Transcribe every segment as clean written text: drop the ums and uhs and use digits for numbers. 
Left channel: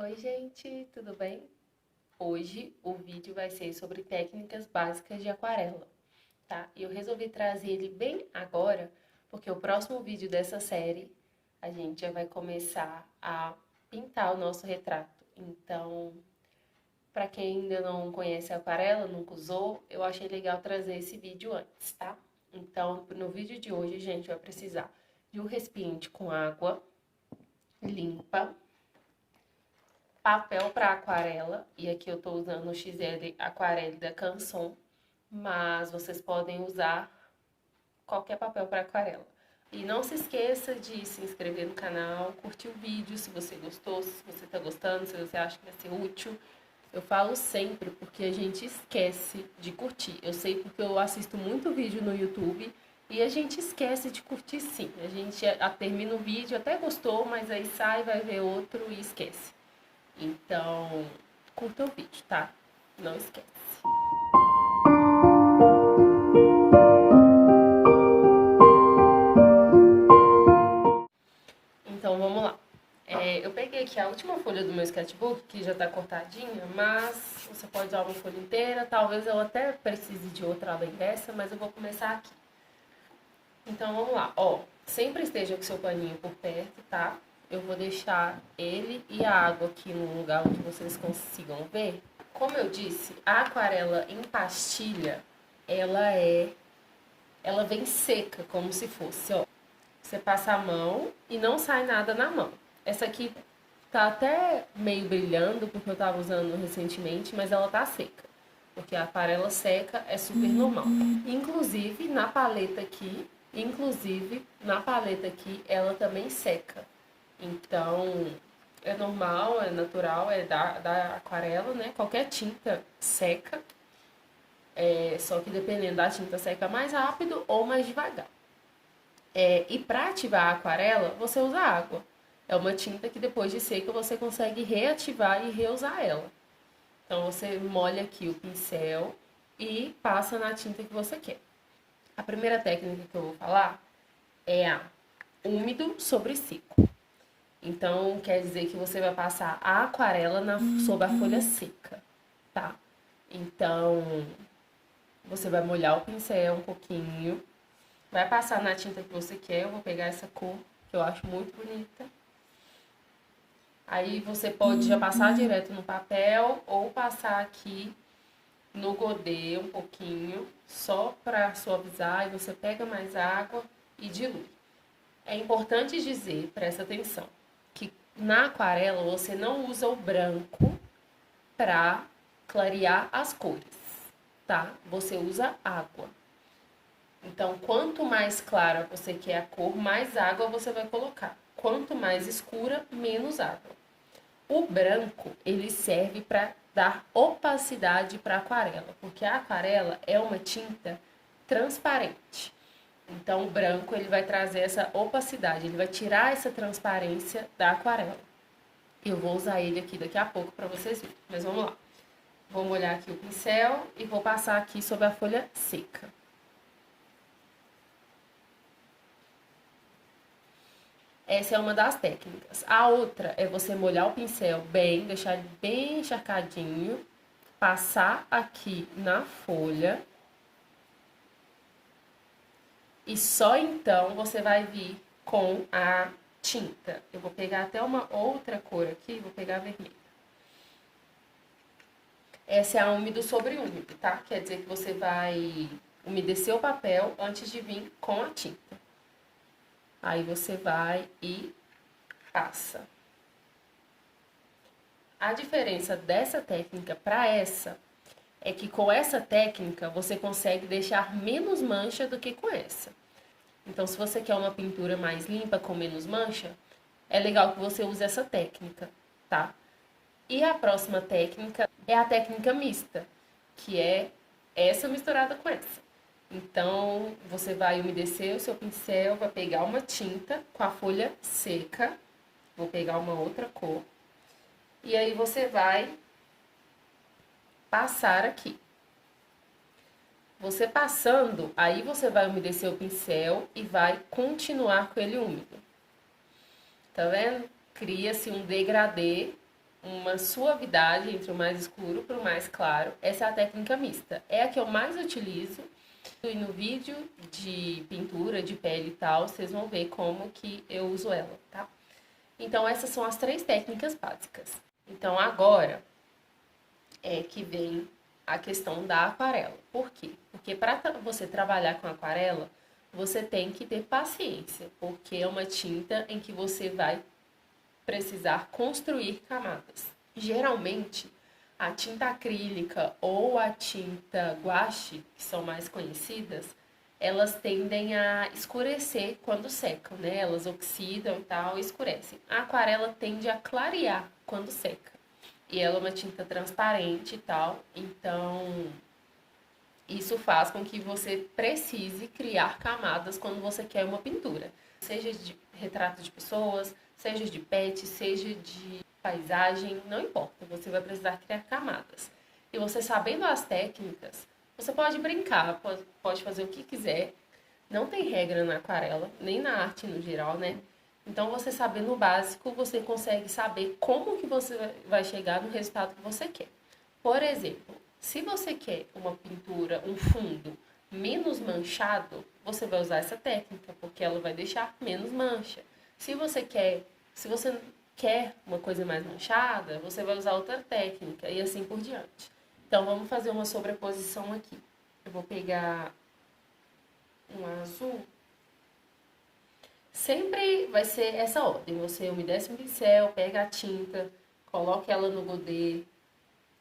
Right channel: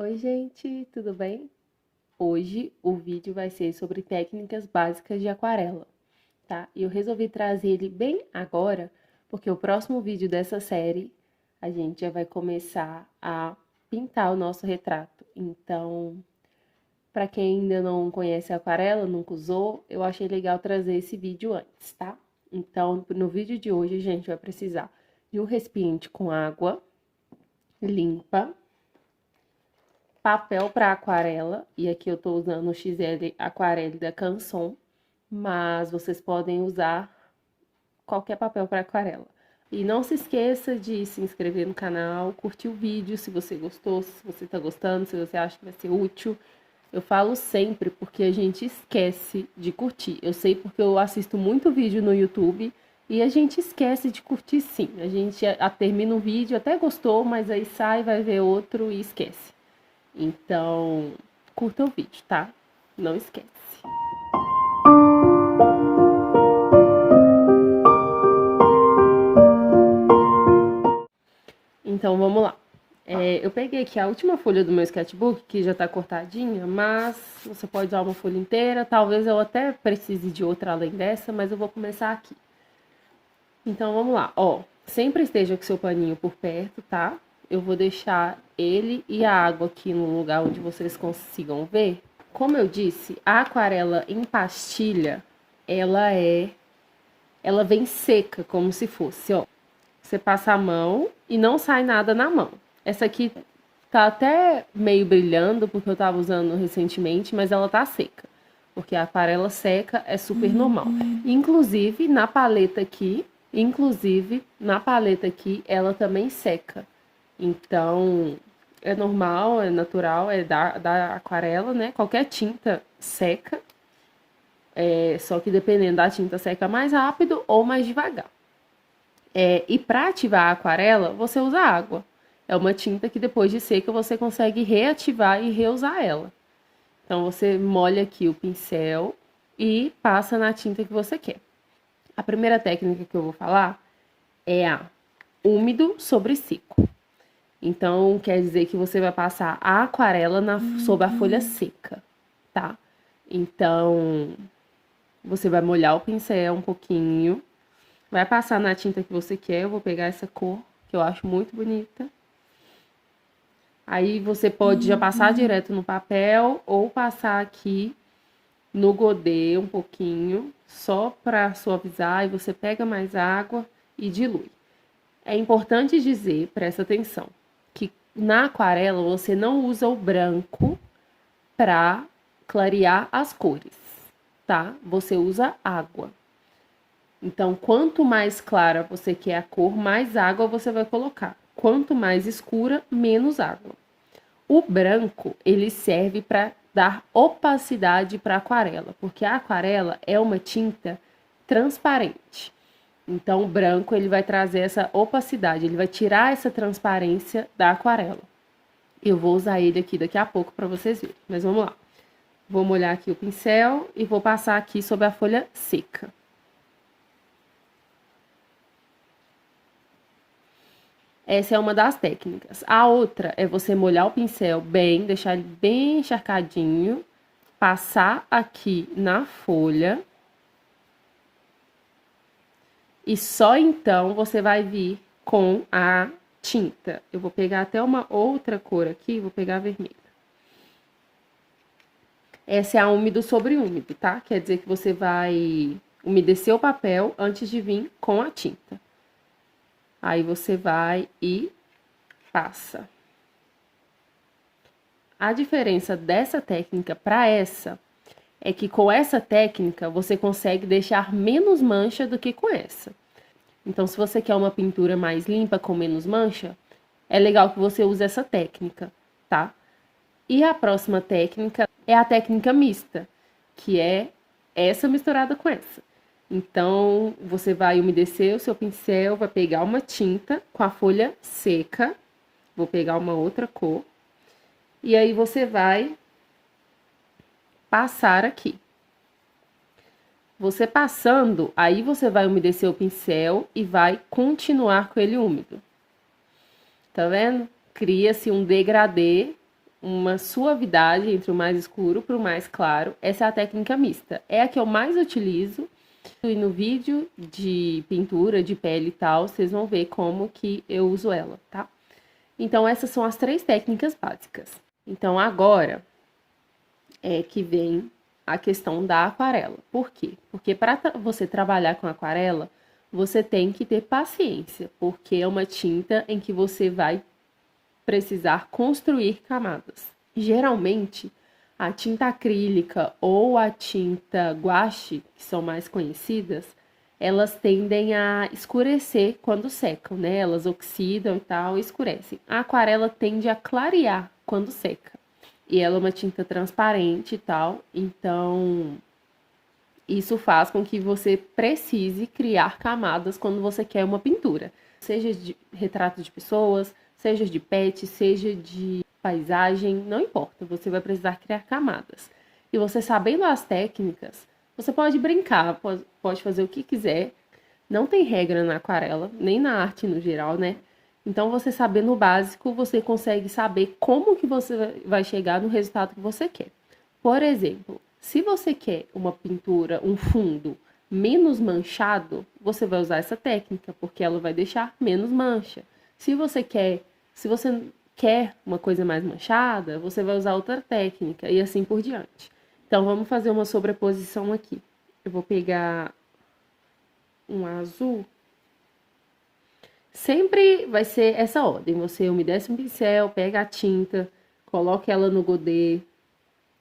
Oi, gente, tudo bem? Hoje o vídeo vai ser sobre técnicas básicas de aquarela, tá? E eu resolvi trazer ele bem agora, porque o próximo vídeo dessa série a gente já vai começar a pintar o nosso retrato. Então, para quem ainda não conhece a aquarela, nunca usou, eu achei legal trazer esse vídeo antes, tá? Então, no vídeo de hoje a gente vai precisar de um recipiente com água limpa, papel para aquarela, e aqui eu tô usando o XL Aquarelle da Canson, mas vocês podem usar qualquer papel para aquarela. E não se esqueça de se inscrever no canal, curtir o vídeo se você gostou, se você tá gostando, se você acha que vai ser útil. Eu falo sempre porque a gente esquece de curtir. Eu sei porque eu assisto muito vídeo no YouTube e a gente esquece de curtir sim. A gente termina o vídeo, até gostou, mas aí sai, vai ver outro e esquece. Então, curta o vídeo, tá? Não esquece. Então, vamos lá. Eu peguei aqui a última folha do meu sketchbook, que já tá cortadinha, mas você pode usar uma folha inteira. Talvez eu até precise de outra além dessa, mas eu vou começar aqui. Então, vamos lá. Ó, sempre esteja com seu paninho por perto, tá? Eu vou deixar ele e a água aqui no lugar onde vocês consigam ver. Como eu disse, a aquarela em pastilha, ela vem seca, como se fosse, ó. Você passa a mão e não sai nada na mão. Essa aqui tá até meio brilhando, porque eu tava usando recentemente, mas ela tá seca. Porque a aquarela seca é super normal. Inclusive, na paleta aqui, ela também seca. Então, é normal, é natural, é da aquarela, né? Qualquer tinta seca. Só que dependendo da tinta seca mais rápido ou mais devagar. E para ativar a aquarela, você usa água. É uma tinta que depois de seca você consegue reativar e reusar ela. Então você molha aqui o pincel e passa na tinta que você quer. A primeira técnica que eu vou falar é a úmido sobre seco. Então quer dizer que você vai passar a aquarela sobre a folha seca, tá? Então você vai molhar o pincel um pouquinho. Vai passar na tinta que você quer. Eu vou pegar essa cor, que eu acho muito bonita. Aí você pode já passar direto no papel ou passar aqui no godê um pouquinho, só para suavizar. E você pega mais água e dilui. É importante dizer, presta atenção, que na aquarela você não usa o branco para clarear as cores, tá? Você usa água. Então, quanto mais clara você quer a cor, mais água você vai colocar. Quanto mais escura, menos água. O branco, ele serve para dar opacidade para a aquarela, porque a aquarela é uma tinta transparente. Então, o branco, ele vai trazer essa opacidade, ele vai tirar essa transparência da aquarela. Eu vou usar ele aqui daqui a pouco para vocês verem, mas vamos lá. Vou molhar aqui o pincel e vou passar aqui sobre a folha seca. Essa é uma das técnicas. A outra é você molhar o pincel bem, deixar ele bem encharcadinho, passar aqui na folha. E só então você vai vir com a tinta. Eu vou pegar até uma outra cor aqui, vou pegar a vermelha. Essa é a úmido sobre úmido, tá? Quer dizer que você vai umedecer o papel antes de vir com a tinta. Aí você vai e passa. A diferença dessa técnica para essa é que com essa técnica você consegue deixar menos mancha do que com essa. Então, se você quer uma pintura mais limpa, com menos mancha, é legal que você use essa técnica, tá? E a próxima técnica é a técnica mista, que é essa misturada com essa. Então, você vai umedecer o seu pincel, vai pegar uma tinta com a folha seca, vou pegar uma outra cor, e aí você vai passar aqui. Você passando, aí você vai umedecer o pincel e vai continuar com ele úmido. Tá vendo? Cria-se um degradê uma suavidade entre o mais escuro para o mais claro. Essa é a técnica mista. É a que eu mais utilizo. E no vídeo de pintura, de pele e tal, vocês vão ver como que eu uso ela, tá? Então, essas são as 3 técnicas básicas. Então, agora é que vem a questão da aquarela. Por quê? Porque para você trabalhar com aquarela, você tem que ter paciência, porque é uma tinta em que você vai precisar construir camadas. Geralmente, a tinta acrílica ou a tinta guache, que são mais conhecidas, elas tendem a escurecer quando secam, né? Elas oxidam e tal, e escurecem. A aquarela tende a clarear quando seca. E ela é uma tinta transparente e tal, então isso faz com que você precise criar camadas quando você quer uma pintura. Seja de retrato de pessoas, seja de pet, seja de paisagem, não importa, você vai precisar criar camadas. E você sabendo as técnicas, você pode brincar, pode fazer o que quiser. Não tem regra na aquarela, nem na arte no geral, né? Então, você sabendo o básico, você consegue saber como que você vai chegar no resultado que você quer. Por exemplo, se você quer uma pintura, um fundo menos manchado, você vai usar essa técnica, porque ela vai deixar menos mancha. Se você quer uma coisa mais manchada, você vai usar outra técnica e assim por diante. Então, vamos fazer uma sobreposição aqui. Eu vou pegar um azul. Sempre vai ser essa ordem. Você umedece um pincel, pega a tinta, coloca ela no godê.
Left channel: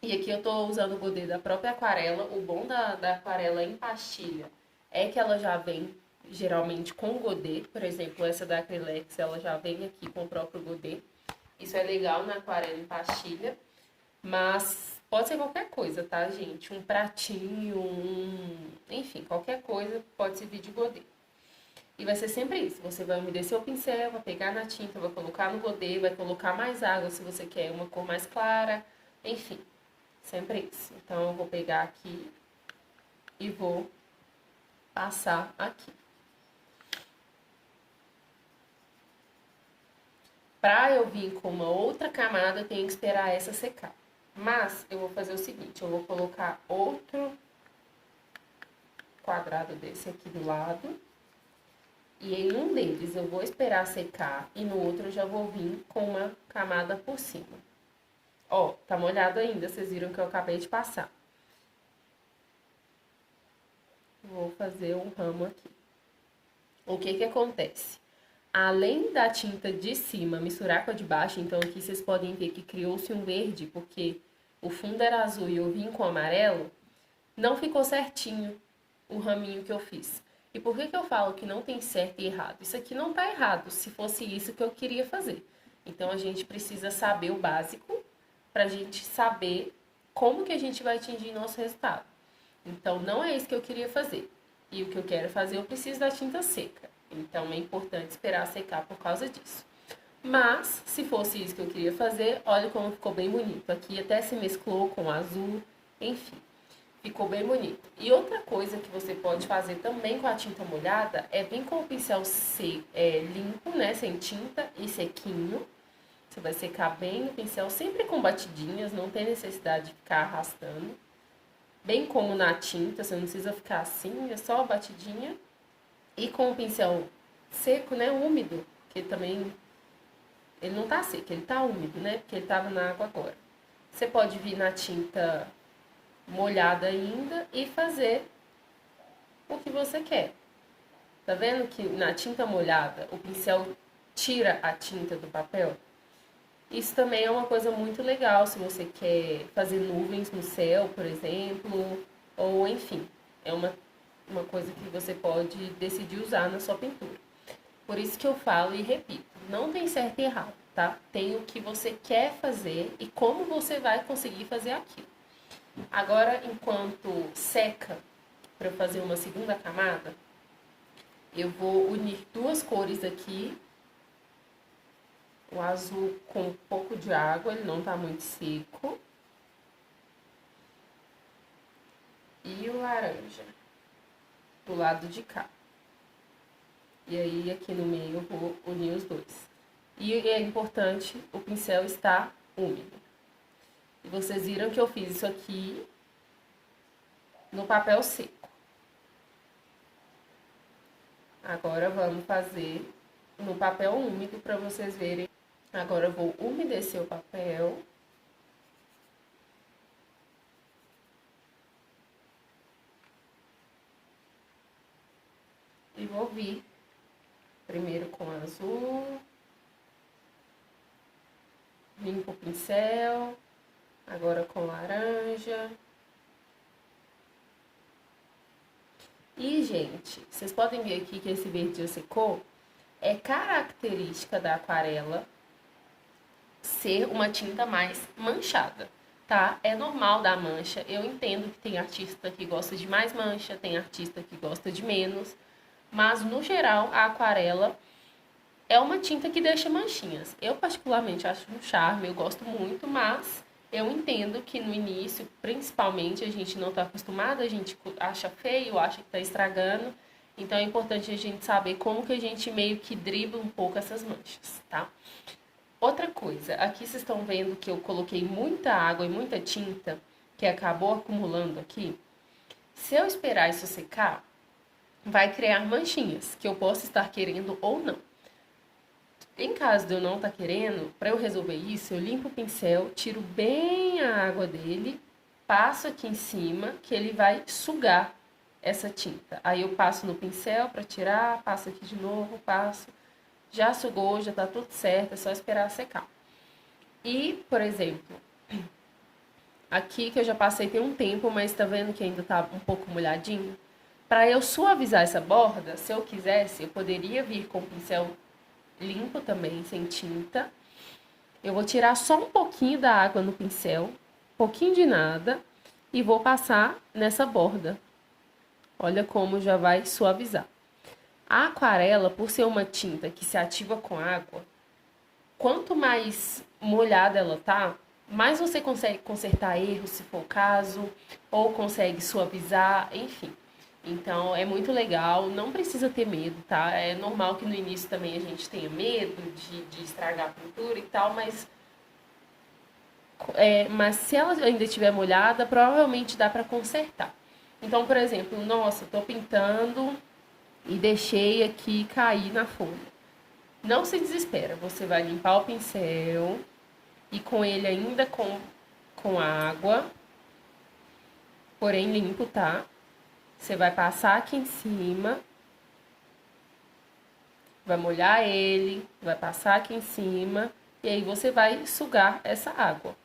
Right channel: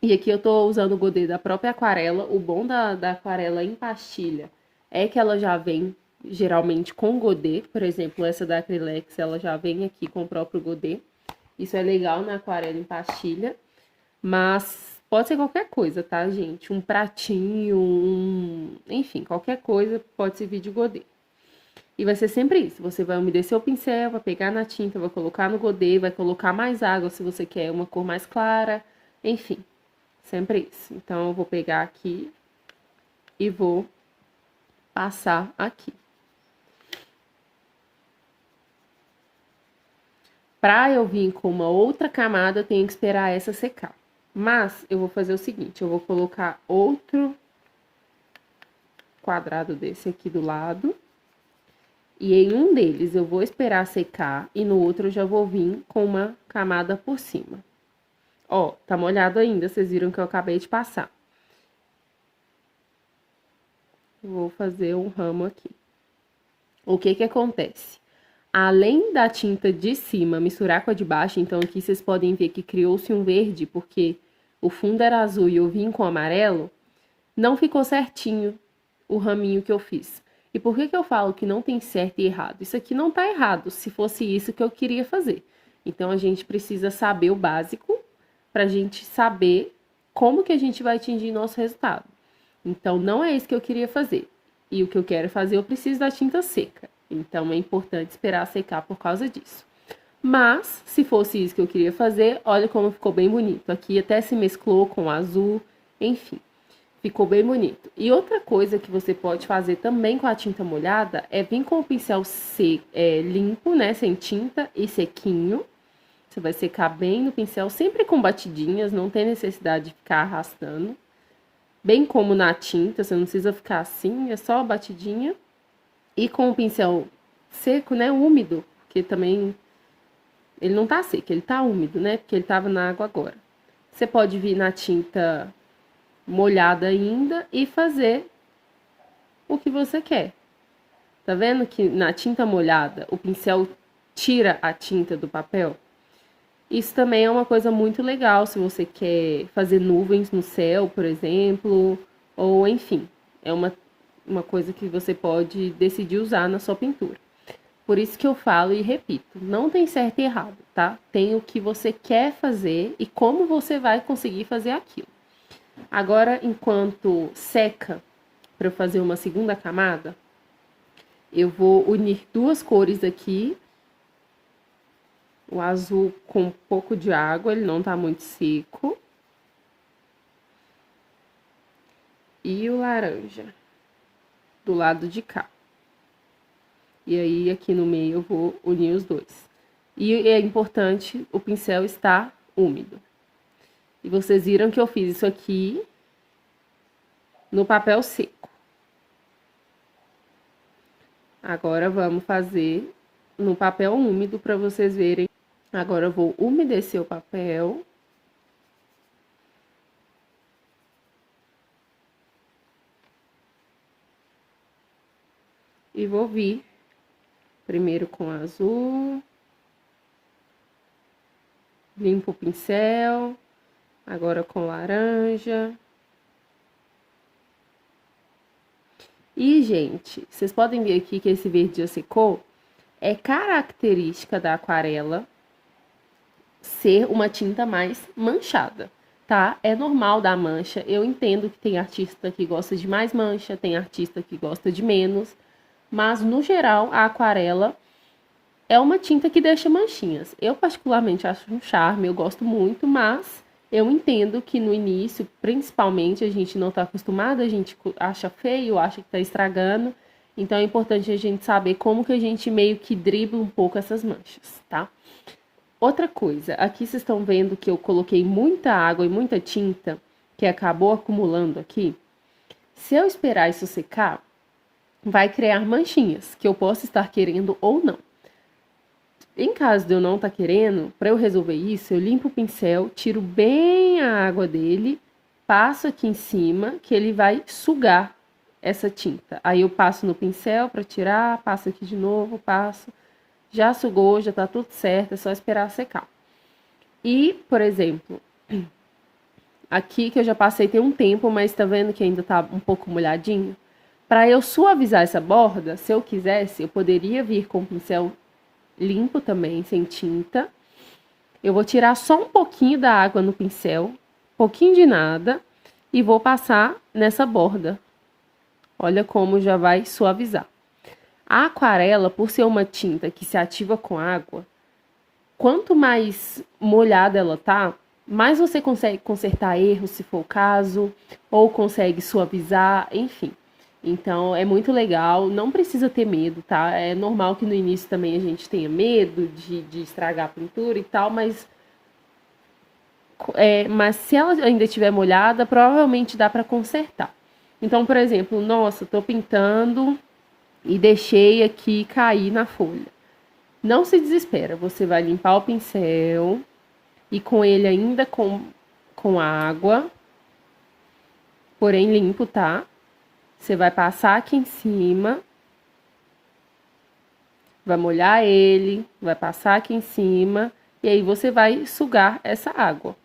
E aqui eu tô usando o godê da própria aquarela. O bom da aquarela em pastilha é que ela já vem geralmente com godê. Por exemplo, essa da Acrylex, ela já vem aqui com o próprio godê. Isso é legal na aquarela em pastilha. Mas pode ser qualquer coisa, tá, gente? Um pratinho, enfim, qualquer coisa pode servir de godê. E vai ser sempre isso, você vai umedecer o pincel, vai pegar na tinta, vai colocar no godê, vai colocar mais água se você quer uma cor mais clara, enfim, sempre isso. Então, eu vou pegar aqui e vou passar aqui. Pra eu vir com uma outra camada, eu tenho que esperar essa secar. Mas, eu vou fazer o seguinte, eu vou colocar outro quadrado desse aqui do lado. E em um deles eu vou esperar secar e no outro eu já vou vir com uma camada por cima. Ó, tá molhado ainda, vocês viram que eu acabei de passar. Vou fazer um ramo aqui. O que que acontece? Além da tinta de cima misturar com a de baixo, então aqui vocês podem ver que criou-se um verde, porque o fundo era azul e eu vim com amarelo, não ficou certinho o raminho que eu fiz. E por que que eu falo que não tem certo e errado? Isso aqui não tá errado, se fosse isso que eu queria fazer. Então, a gente precisa saber o básico pra gente saber como que a gente vai atingir nosso resultado. Então, não é isso que eu queria fazer. E o que eu quero fazer, eu preciso da tinta seca. Então, é importante esperar secar por causa disso. Mas, se fosse isso que eu queria fazer, olha como ficou bem bonito. Aqui até se mesclou com o azul, enfim. Ficou bem bonito. E outra coisa que você pode fazer também com a tinta molhada é vir com o pincel limpo, né? Sem tinta e sequinho. Você vai secar bem no pincel, sempre com batidinhas, não tem necessidade de ficar arrastando. Bem como na tinta, você não precisa ficar assim, é só a batidinha. E com o pincel seco, né? Úmido, que também ele não tá seco, ele tá úmido, né? Porque ele tava na água agora. Você pode vir na tinta molhada ainda e fazer o que você quer. Tá vendo que na tinta molhada o pincel tira a tinta do papel? Isso também é uma coisa muito legal se você quer fazer nuvens no céu, por exemplo, ou enfim, é uma coisa que você pode decidir usar na sua pintura. Por isso que eu falo e repito, não tem certo e errado, tá? Tem o que você quer fazer e como você vai conseguir fazer aquilo. Agora, enquanto seca, para eu fazer uma segunda camada, eu vou unir duas cores aqui. O azul com um pouco de água, ele não tá muito seco. E o laranja, do lado de cá. E aí, aqui no meio, eu vou unir os dois. E é importante o pincel estar úmido. E vocês viram que eu fiz isso aqui no papel seco. Agora, vamos fazer no papel úmido para vocês verem. Agora, eu vou umedecer o papel. E vou vir primeiro com azul. Limpo o pincel. Agora com laranja. E, gente, vocês podem ver aqui que esse verde já secou. É característica da aquarela ser uma tinta mais manchada, tá? É normal dar mancha. Eu entendo que tem artista que gosta de mais mancha, tem artista que gosta de menos. Mas, no geral, a aquarela é uma tinta que deixa manchinhas. Eu, particularmente, acho um charme, eu gosto muito, mas eu entendo que no início, principalmente, a gente não tá acostumado, a gente acha feio, acha que tá estragando. Então, é importante a gente saber como que a gente meio que dribla um pouco essas manchas, tá? Outra coisa, aqui vocês estão vendo que eu coloquei muita água e muita tinta, que acabou acumulando aqui. Se eu esperar isso secar, vai criar manchinhas, que eu posso estar querendo ou não. Em caso de eu não estar querendo, para eu resolver isso, eu limpo o pincel, tiro bem a água dele, passo aqui em cima, que ele vai sugar essa tinta. Aí eu passo no pincel para tirar, passo aqui de novo, passo. Já sugou, já tá tudo certo, é só esperar secar. E, por exemplo, aqui que eu já passei tem um tempo, mas tá vendo que ainda tá um pouco molhadinho? Para eu suavizar essa borda, se eu quisesse, eu poderia vir com o pincel limpo também, sem tinta. Eu vou tirar só um pouquinho da água no pincel, pouquinho de nada, e vou passar nessa borda. Olha como já vai suavizar. A aquarela, por ser uma tinta que se ativa com água, quanto mais molhada ela tá, mais você consegue consertar erros, se for o caso, ou consegue suavizar, enfim. Então, é muito legal, não precisa ter medo, tá? É normal que no início também a gente tenha medo de estragar a pintura e tal, mas se ela ainda estiver molhada, provavelmente dá pra consertar. Então, por exemplo, nossa, tô pintando e deixei aqui cair na folha. Não se desespera, você vai limpar o pincel e com ele ainda com água, porém limpo, tá? Você vai passar aqui em cima, vai molhar ele, vai passar aqui em cima e aí você vai sugar essa água.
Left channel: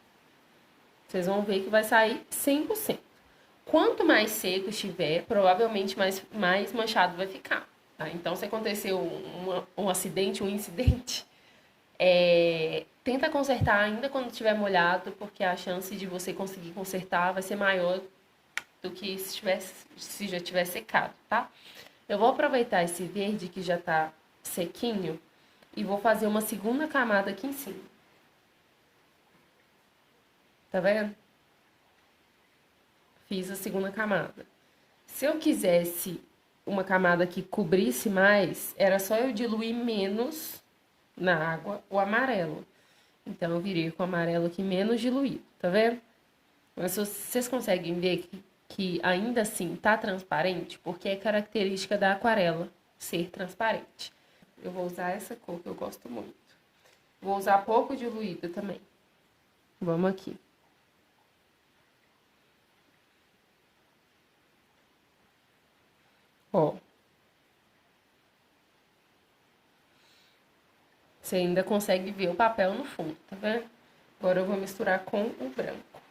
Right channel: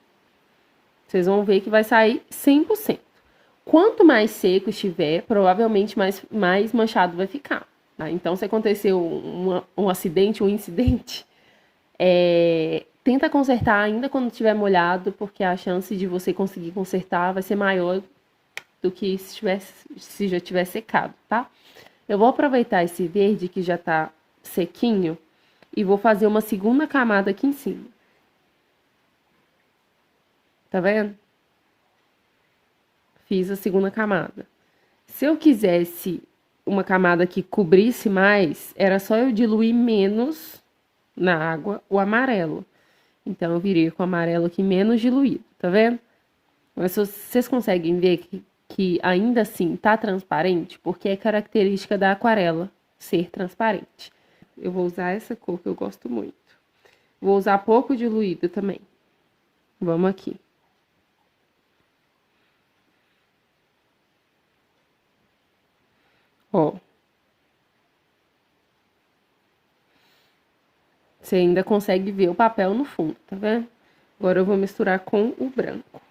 Vocês vão ver que vai sair 100%. Quanto mais seco estiver, provavelmente mais manchado vai ficar. Tá? Então, se aconteceu um acidente, um incidente, tenta consertar ainda quando estiver molhado, porque a chance de você conseguir consertar vai ser maior do que se já tiver secado, tá? Eu vou aproveitar esse verde que já tá sequinho e vou fazer uma segunda camada aqui em cima. Tá vendo? Fiz a segunda camada. Se eu quisesse uma camada que cobrisse mais, era só eu diluir menos na água o amarelo. Então, eu virei com o amarelo aqui menos diluído, tá vendo? Mas vocês conseguem ver que ainda assim tá transparente, porque é característica da aquarela ser transparente. Eu vou usar essa cor que eu gosto muito. Vou usar pouco diluído também. Vamos aqui. Ó. Você ainda consegue ver o papel no fundo, tá vendo? Agora eu vou misturar com o branco.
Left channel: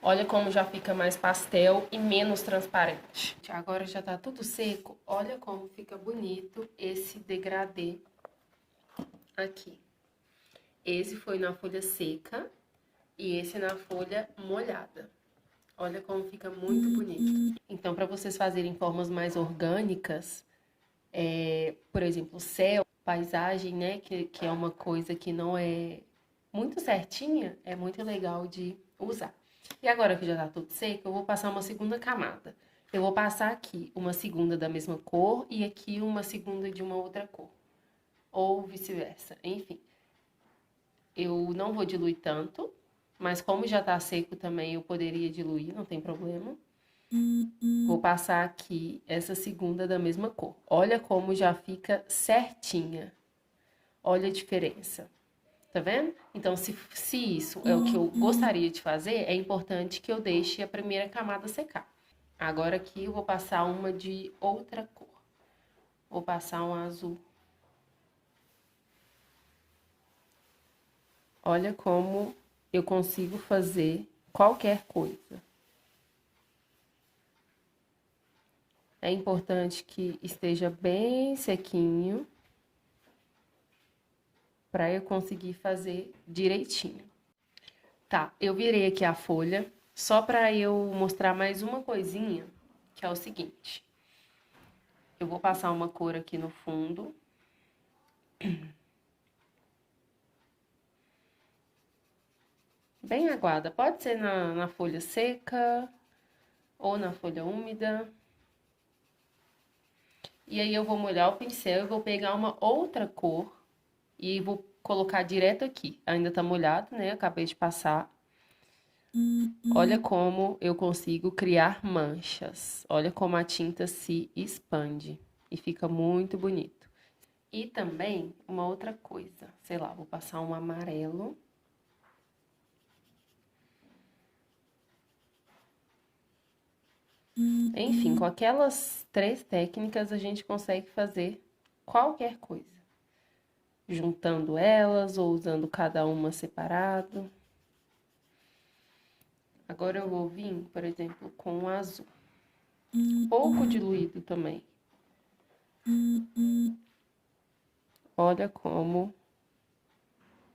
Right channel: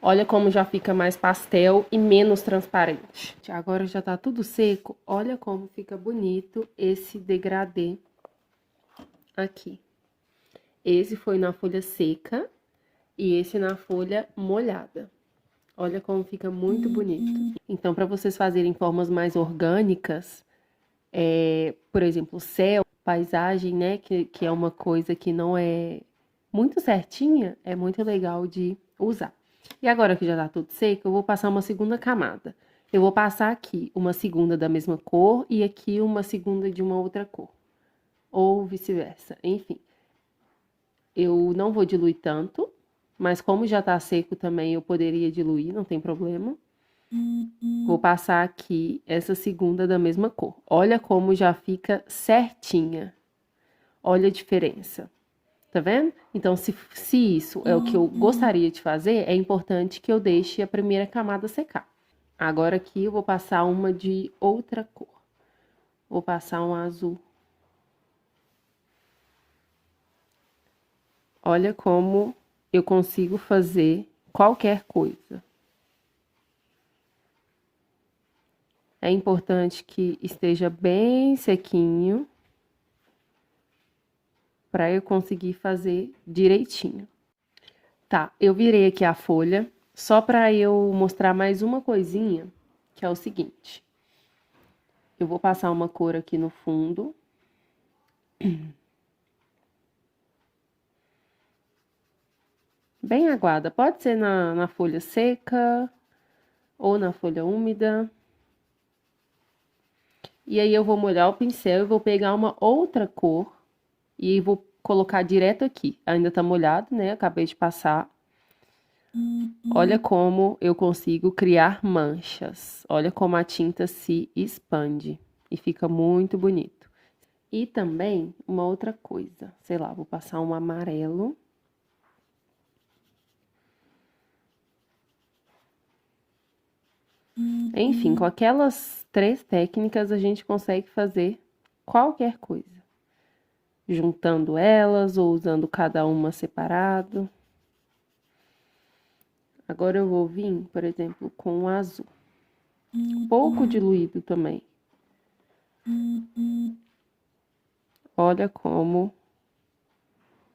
Olha como já fica mais pastel e menos transparente. Agora já tá tudo seco, olha como fica bonito esse degradê aqui. Esse foi na folha seca e esse na folha molhada. Olha como fica muito bonito. Então, para vocês fazerem formas mais orgânicas, por exemplo, céu, paisagem, né, que é uma coisa que não é muito certinha, é muito legal de usar. E agora que já tá tudo seco, eu vou passar uma segunda camada. Eu vou passar aqui uma segunda da mesma cor e aqui uma segunda de uma outra cor. ou vice-versa. Enfim, eu não vou diluir tanto, mas como já tá seco também, eu poderia diluir, não tem problema. Vou passar aqui essa segunda da mesma cor. Olha como já fica certinha. Olha a diferença. Tá vendo? Então, se isso é o que eu gostaria de fazer, é importante que eu deixe a primeira camada secar. Agora aqui eu vou passar uma de outra cor. Vou passar um azul. Olha como eu consigo fazer qualquer coisa. É importante que esteja bem sequinho para eu conseguir fazer direitinho. Tá, eu virei aqui a folha, só para eu mostrar mais uma coisinha, que é o seguinte. Eu vou passar uma cor aqui no fundo. Bem aguada, pode ser na folha seca ou na folha úmida. E aí eu vou molhar o pincel e vou pegar uma outra cor e vou colocar direto aqui. Ainda tá molhado, né? Acabei de passar. Olha como eu consigo criar manchas. Olha como a tinta se expande e fica muito bonito. E também uma outra coisa, sei lá, vou passar um amarelo. Enfim, com aquelas 3 técnicas a gente consegue fazer qualquer coisa. Juntando elas ou usando cada uma separado. Agora eu vou vir, por exemplo, com o azul. Pouco diluído também. Olha como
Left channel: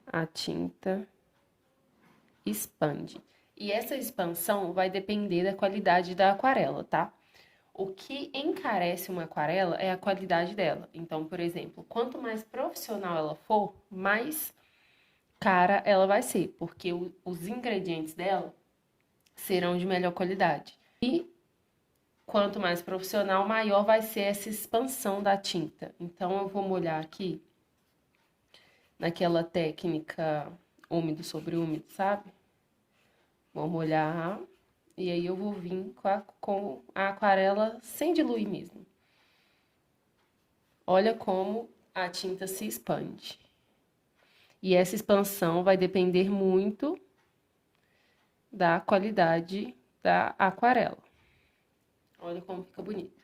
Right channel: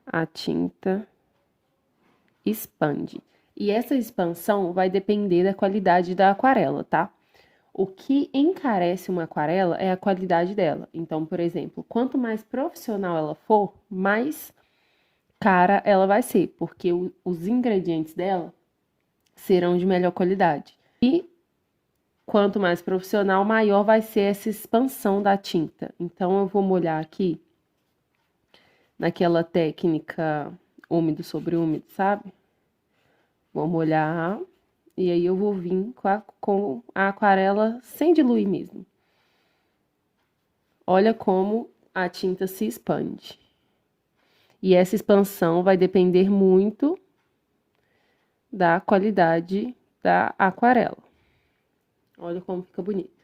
a tinta expande. E essa expansão vai depender da qualidade da aquarela, tá? O que encarece uma aquarela é a qualidade dela. Então, por exemplo, quanto mais profissional ela for, mais cara ela vai ser, porque os ingredientes dela serão de melhor qualidade. E quanto mais profissional, maior vai ser essa expansão da tinta. Então, eu vou molhar aqui naquela técnica úmido sobre úmido, sabe? Vou molhar e aí eu vou vir com a aquarela sem diluir mesmo. Olha como a tinta se expande. E essa expansão vai depender muito da qualidade da aquarela. Olha como fica bonito.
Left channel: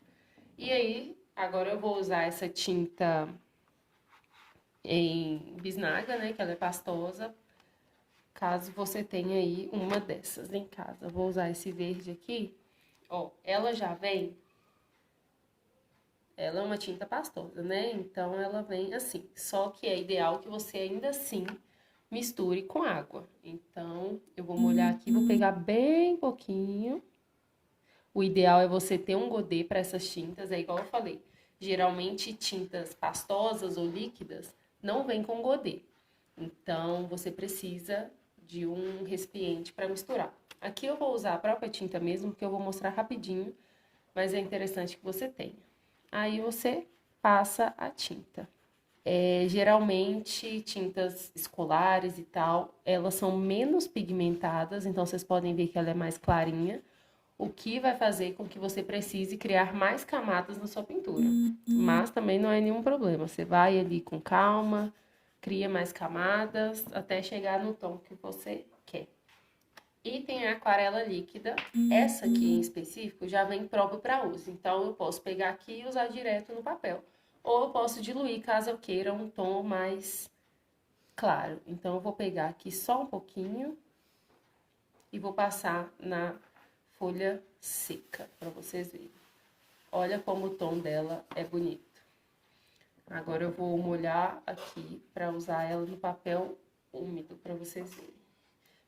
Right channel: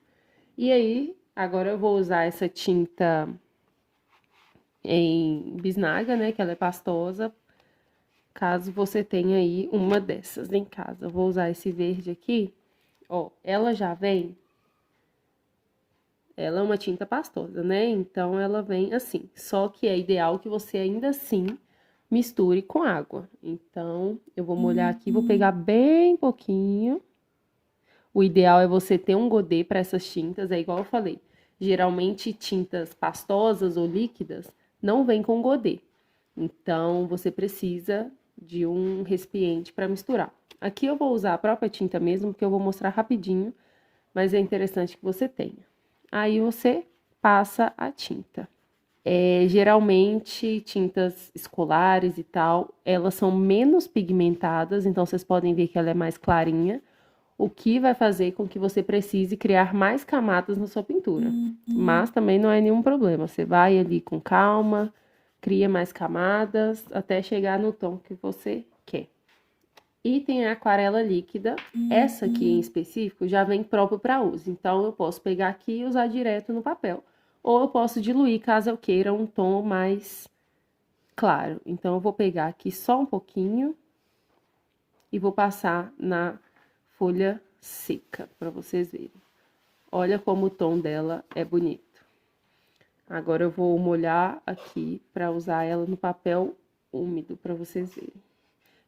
E aí, agora eu vou usar essa tinta em bisnaga, né, que ela é pastosa, caso você tenha aí uma dessas em casa. Eu vou usar esse verde aqui, ó, ela já vem, ela é uma tinta pastosa, né, então ela vem assim, só que é ideal que você ainda assim misture com água. Então, eu vou molhar aqui, vou pegar bem pouquinho. O ideal é você ter um godê para essas tintas, é igual eu falei. Geralmente, tintas pastosas ou líquidas não vêm com godê. Então, você precisa de um recipiente para misturar. Aqui eu vou usar a própria tinta mesmo, porque eu vou mostrar rapidinho, mas é interessante que você tenha. Aí, você passa a tinta. Geralmente, tintas escolares e tal, elas são menos pigmentadas, então vocês podem ver que ela é mais clarinha, o que vai fazer com que você precise criar mais camadas na sua pintura. Mas também não é nenhum problema, você vai ali com calma, cria mais camadas, até chegar no tom que você quer. E tem a aquarela líquida, essa aqui em específico já vem próprio para uso, então eu posso pegar aqui e usar direto no papel. Ou eu posso diluir, caso eu queira um tom mais claro. Então, eu vou pegar aqui só um pouquinho e vou passar na folha seca, para vocês verem. Olha como o tom dela é bonito. Agora, eu vou molhar aqui para usar ela no papel úmido, para vocês verem.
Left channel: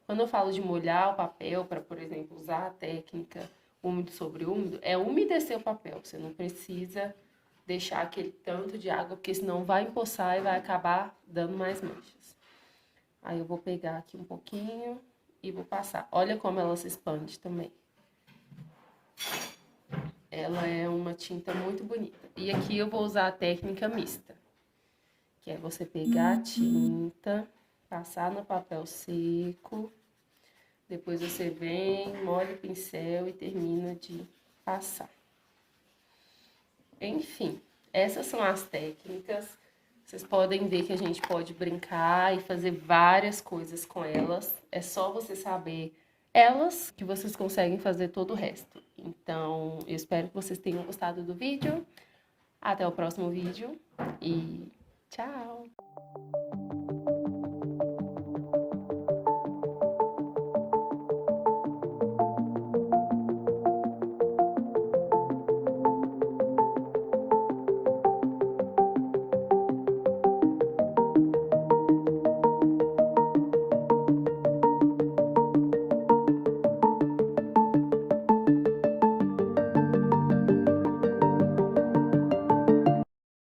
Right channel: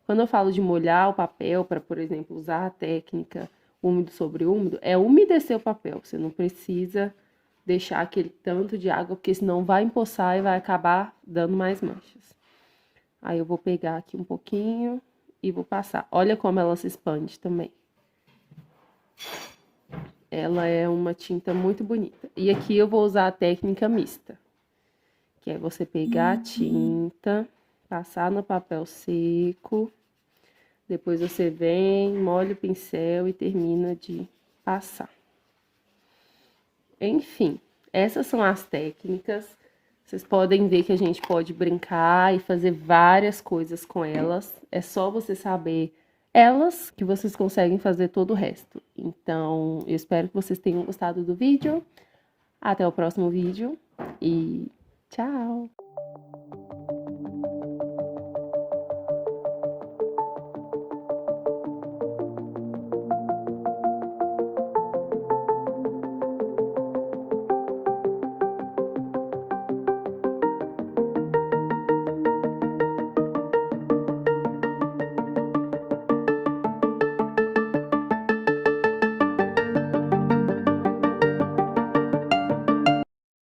Quando eu falo de molhar o papel, para, por exemplo, usar a técnica úmido sobre úmido, é umedecer o papel. Você não precisa deixar aquele tanto de água, porque senão vai empoçar e vai acabar dando mais manchas. Aí eu vou pegar aqui um pouquinho e vou passar. Olha como ela se expande também. Ela é uma tinta muito bonita. E aqui eu vou usar a técnica mista, que é você pegar a tinta, passar no papel seco, depois você vem, molha o pincel e termina de passar. Enfim, essas são as técnicas. Vocês podem ver que a gente pode brincar e fazer várias coisas com elas. É só você saber elas que vocês conseguem fazer todo o resto. Então, eu espero que vocês tenham gostado do vídeo. Até o próximo vídeo e tchau!